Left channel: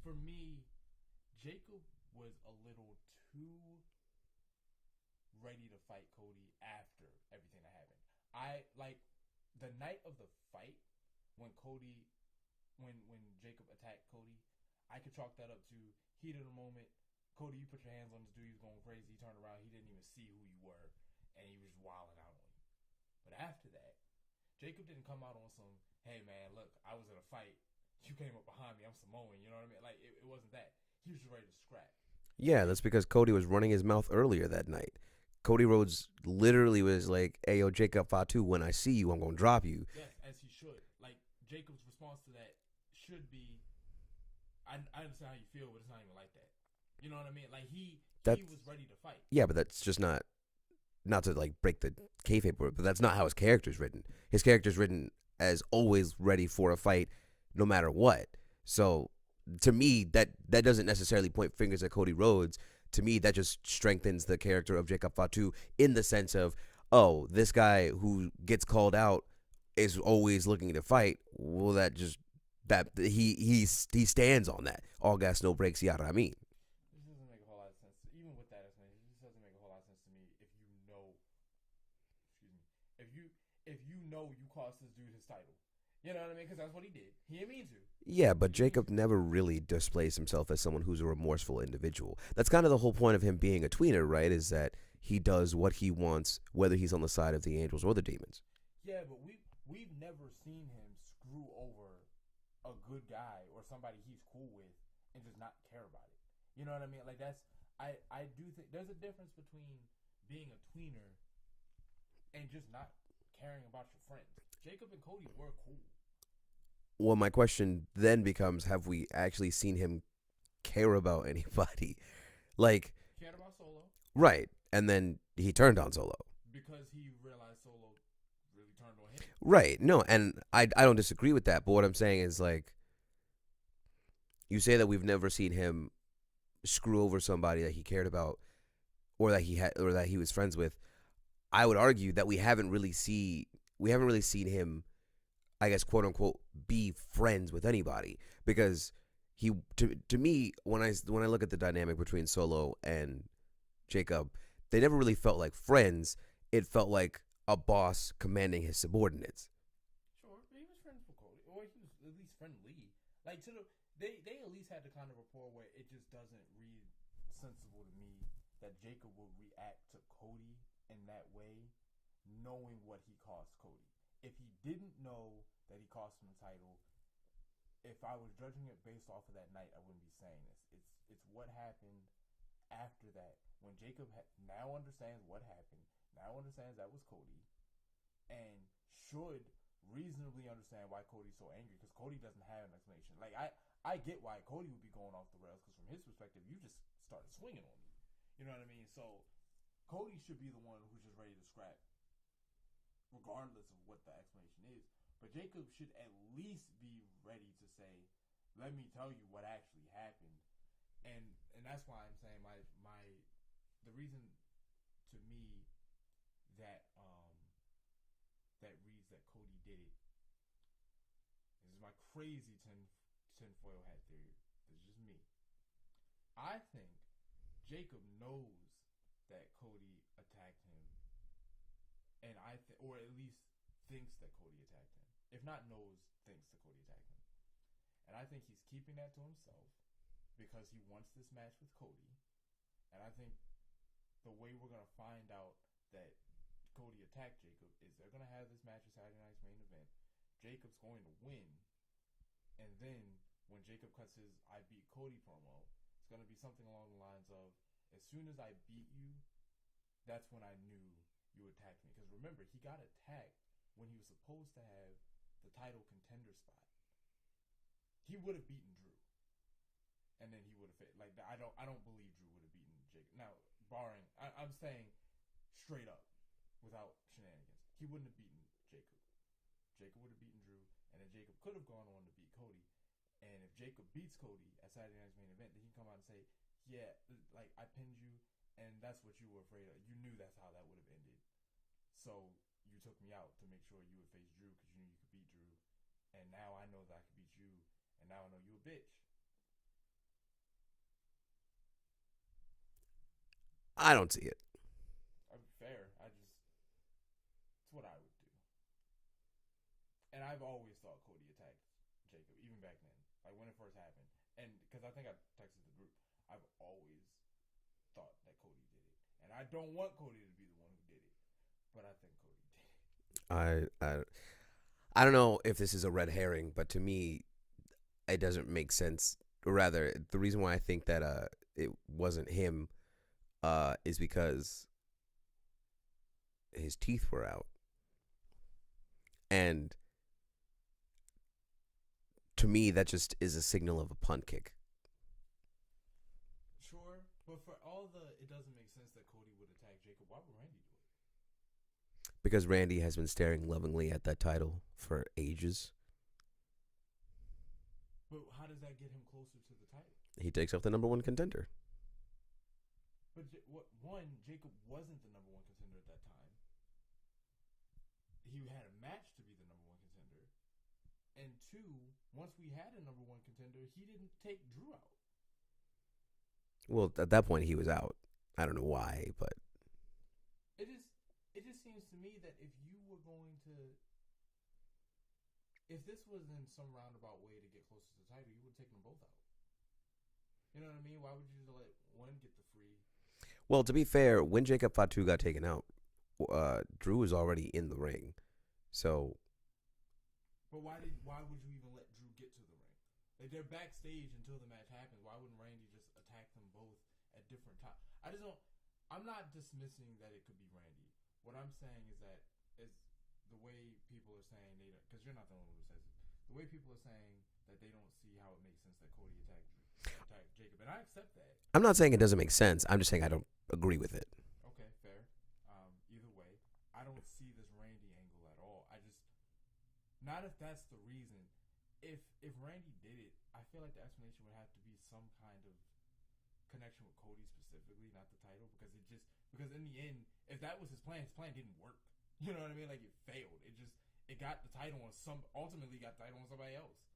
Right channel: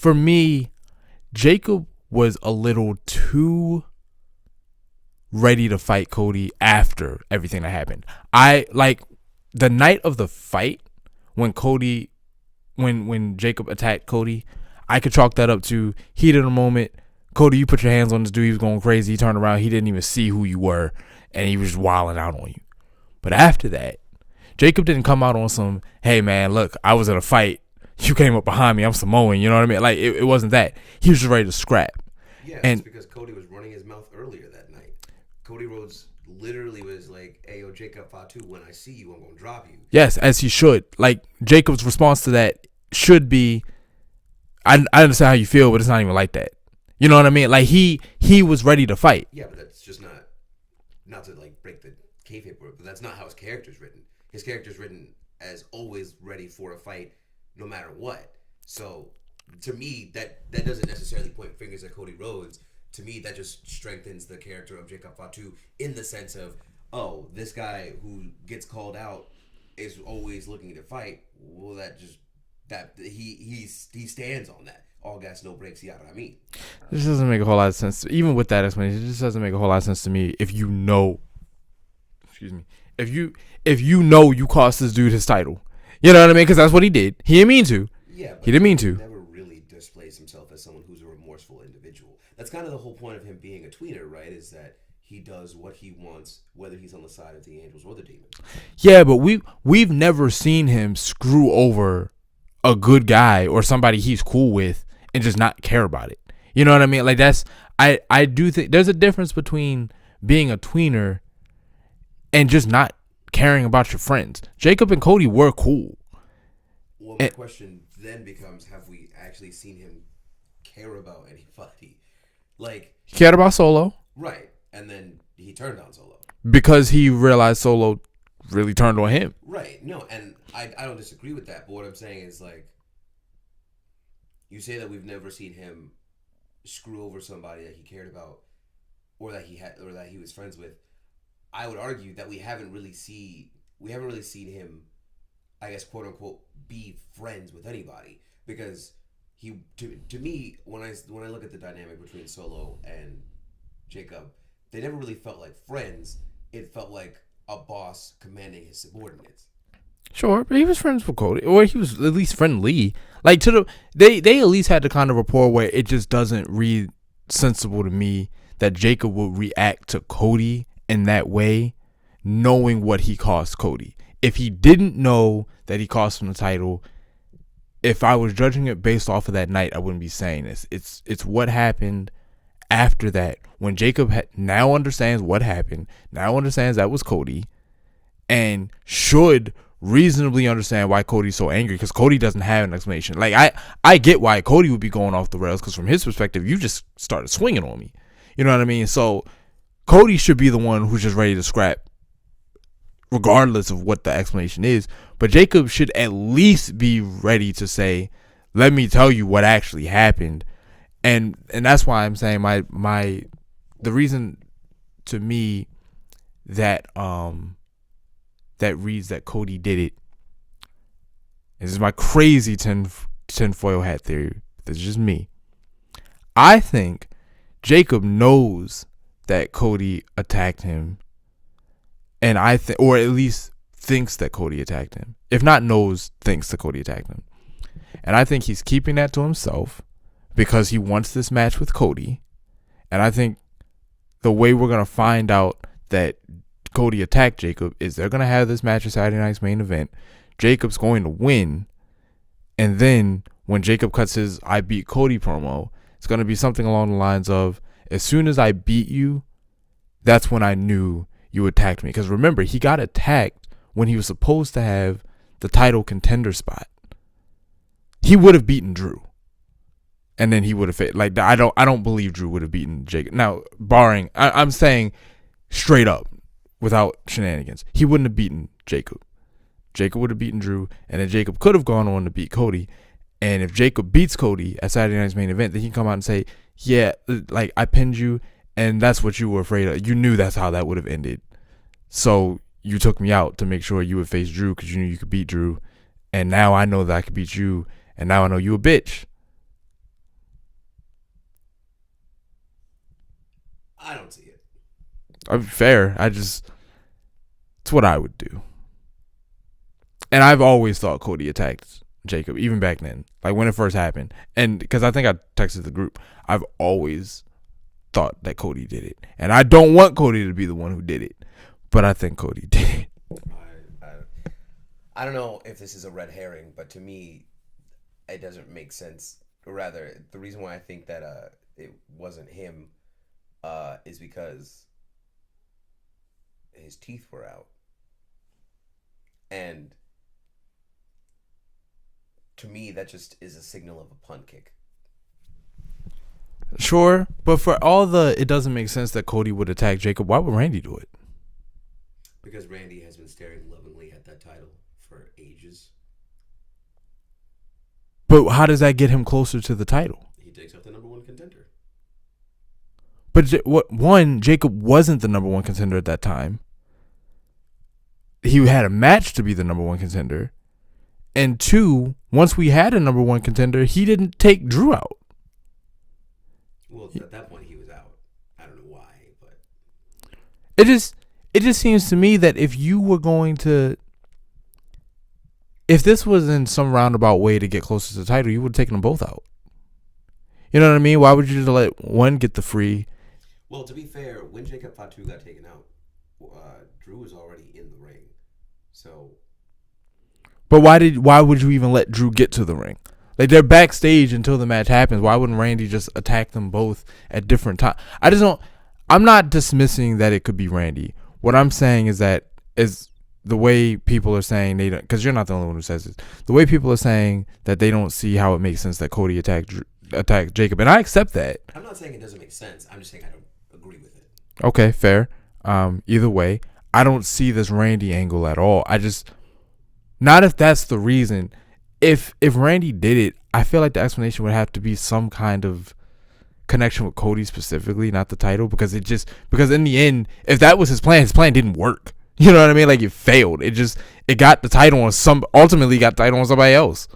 for me, Jacob was a little too ready to fight Cody after everything that happened. I like the night of the fight when Jacob attacked Cody. I could chalk that up to heat of the moment. Cody, you put your hands on this dude. He was going crazy. He turned around. He didn't even see who you were, and he was just wilding out on you. But after that, Jacob didn't come out on some, hey, man, look, I was in a fight. You came up behind me. I'm Samoan. You know what I mean? Like, it wasn't that. He was just ready to scrap. Yeah, and it's because Cody was running his mouth earlier that night. Cody Rhodes literally was like, hey, yo, Jacob Fatu, when I see you, I'm going to drop you. Yes, as he should. Like, Jacob's response to that should be, I understand how you feel, but it's not even like that. You know what I mean? Like, he was ready to fight. Yeah, but that's just not to, like, break the kayfabe, but that's not how his character's written. His character's written as always ready for a fight no matter what. So, to me, that doesn't necessarily point fingers at Cody Rhodes. To me, that just strengthens the character of Jacob Fatu in the sense of, oh, this guy who gets called out is always looking to fight. Well, he stands on that. All gas, no brakes, yada. I mean, this doesn't make a whole lot of sense. Even with that explanation, it just doesn't make a whole lot of sense to me. If you know, if you know you cost this dude his title, you know what I mean? Because that's what he did. He didn't mean to. Yeah, but he didn't mean Jacob to. Never really displays himself as someone who's a remorseful individual. That's kind of the whole point of him being a tweener, right? Is that he does what he wants, whether he's on the side of the angels or the demons. Yeah, but we've never seen him screw over a good guy or somebody he's cool with and just not care about it. You know what I mean? Like, that's I do think there's a difference between being a tweener and just not caring about your friends. Jacob and Cody were cool. Well, my question then becomes, have we actually seen him care about anybody? Like, he cared about Solo. Right. And then he turned on Solo. Because he realized Solo really turned on him. Right. No, and I don't disagree with that. But what I'm saying is, like, you say that we've never seen him screw over somebody that he cared about or that he was friends with. I would argue that we haven't really seen him, I guess, quote unquote, be friends with anybody, because he to me, when I look at the dynamic between Solo and Jacob, they never really felt like friends. It felt like a boss commanding his subordinates. Sure, but he was friends with Cody, or he was at least friendly. Like, they at least had the kind of rapport where it just doesn't read sensible to me that Jacob would react to Cody in that way, knowing what he cost Cody. If he didn't know that he cost him the title, if I was judging it based off of that night, I wouldn't be saying this. It's what happened after that, when Jacob now understands what happened, now understands that was Cody, and should reasonably understand why Cody's so angry, because Cody doesn't have an explanation. Like, I get why Cody would be going off the rails, because from his perspective, you just started swinging on me. You know what I mean? So Cody should be the one who's just ready to scrap, regardless of what the explanation is. But Jacob should at least be ready to say, let me tell you what actually happened. And that's why I'm saying the reason to me that that reads that Cody did it. This is my crazy tinfoil hat theory. This is just me. I think Jacob knows that Cody attacked him, and or at least thinks that Cody attacked him. If not knows, thinks that Cody attacked him. And I think he's keeping that to himself because he wants this match with Cody. And I think the way we're going to find out that Cody attacked Jacob is they're going to have this match at Saturday night's main event. Jacob's going to win. And then when Jacob cuts his I beat Cody promo, it's going to be something along the lines of, as soon as I beat you, that's when I knew you attacked me. Because remember, he got attacked when he was supposed to have the title contender spot. He would have beaten Drew. And then he would have, like, I don't believe Drew would have beaten Jacob. Now, barring, I'm saying straight up, without shenanigans, he wouldn't have beaten Jacob. Jacob would have beaten Drew, and then Jacob could have gone on to beat Cody. And if Jacob beats Cody at Saturday night's main event, then he can come out and say, yeah, like, I pinned you, and that's what you were afraid of. You knew that's how that would have ended. So you took me out to make sure you would face Drew because you knew you could beat Drew. And now I know that I could beat you, and now I know you a bitch. I don't see it. I'm fair. It's what I would do. And I've always thought Cody attacked Jacob, even back then, like when it first happened. And because I think I texted the group, I've always thought that Cody did it. And I don't want Cody to be the one who did it, but I think Cody did it. I don't know if this is a red herring, but to me, it doesn't make sense. Or rather, the reason why I think that it wasn't him is because his teeth were out. And to me, that just is a signal of a punt kick. Sure, but for all it doesn't make sense that Cody would attack Jacob. Why would Randy do it? Because Randy has been staring lovingly at that title for ages. But how does that get him closer to the title? He takes up the number one contender. But Jacob wasn't the number one contender at that time. He had a match to be the number one contender. And 2, once we had a number one contender, he didn't take Drew out. Well, at that point, he was out. I don't know why, but it just seems to me that if this was in some roundabout way to get closer to the title, you would have taken them both out. You know what I mean? Why would you just let one get the free? Well, to be fair, when Jacob Fatu got taken out, Drew was already in the ring. So, but why would you even let Drew get to the ring? Like, they're backstage until the match happens. Why wouldn't Randy just attack them both at different times? I'm not dismissing that it could be Randy. What I'm saying is that is the way people are saying they don't, because you're not the only one who says this. The way people are saying that they don't see how it makes sense that Cody attacked Jacob, and I accept that. I'm not saying it doesn't make sense. I'm just saying I don't agree with it. Okay, fair. Either way, I don't see this Randy angle at all. Not if that's the reason. If Randy did it, I feel like the explanation would have to be some kind of connection with Cody specifically, not the title, because in the end, if that was his plan didn't work. You know what I mean? Like, it failed. Ultimately got the title on somebody else.